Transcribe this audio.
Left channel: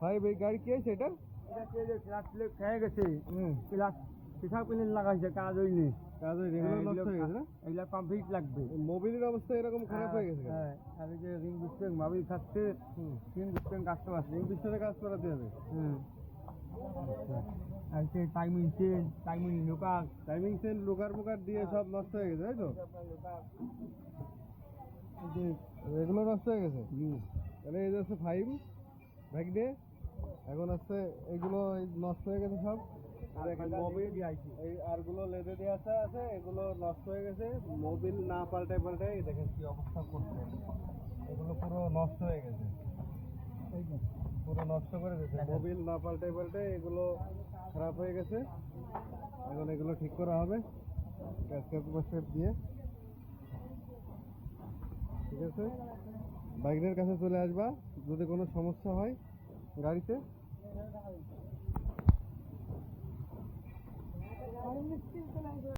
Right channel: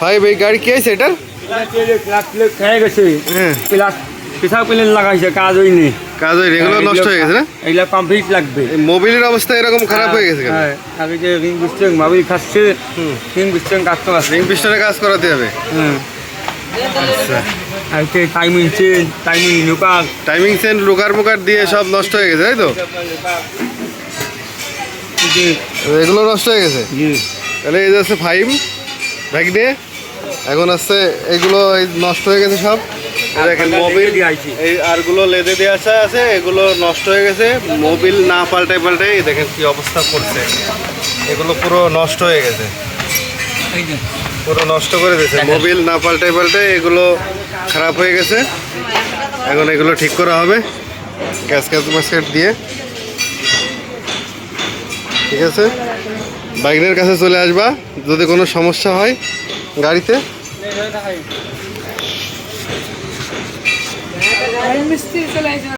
Five এই গাড়ি কি আছে এটা? খেয়ে গেছে হ্যাঁ। প্লাস পেশা প্লেন লাগাইছে কাজ হয়নি কাজ হয়নি এগুলো নষ্ট হয়ে গেছে না? এগুলো কমপ্লিট লাগবে। মোবিলের অবস্থা এরকম খারাপ হয়ে গেছে হ্যাঁ আগে যে রিং বিস্টেং ভাবি খাচ্ছে হুম। রিং বিস্টেং কাটতে পারছে রিং পিস্টনে কাজ করাতে হবে? হ্যাঁ আচ্ছা। আর যে টাইমিং টাইমিং লুকার টাইমিং সেন্ট লুকার মুকার দিয়ে সব নষ্ট হয়ে গেছে তাই তো? এগুলো নষ্ট হয়ে গেছে? তাহলে এই ফাইভ ব্যাগ নিয়ে এখন আসছে এগুলো এই নষ্ট হয়ে গেছে সব। দেখেন মোবিল এই আরগুলো লেদে দিয়ে আসা আছে এগুলো নষ্ট হয়ে গেছে। মোবিল না পাল্টে পাল্টাই এই দেখেন কি অবস্থা করছে। এগুলো পুরো নষ্ট হয়ে গেছে। পুরো নষ্ট করে দিয়েছে। মোবিল না পাল্টে পাল্টে এগুলো খারাপ হয়ে গেছে। এখন এগুলো ঠিক করা হবে গ্যাস গ্যাস মাস্কেট দিয়ে। ঠিক আছে? বাইকের কাছে চলে আসবা যদি কোনো সমস্যা হয়। গাড়িতে? মিস্ত্রি চলে আসবে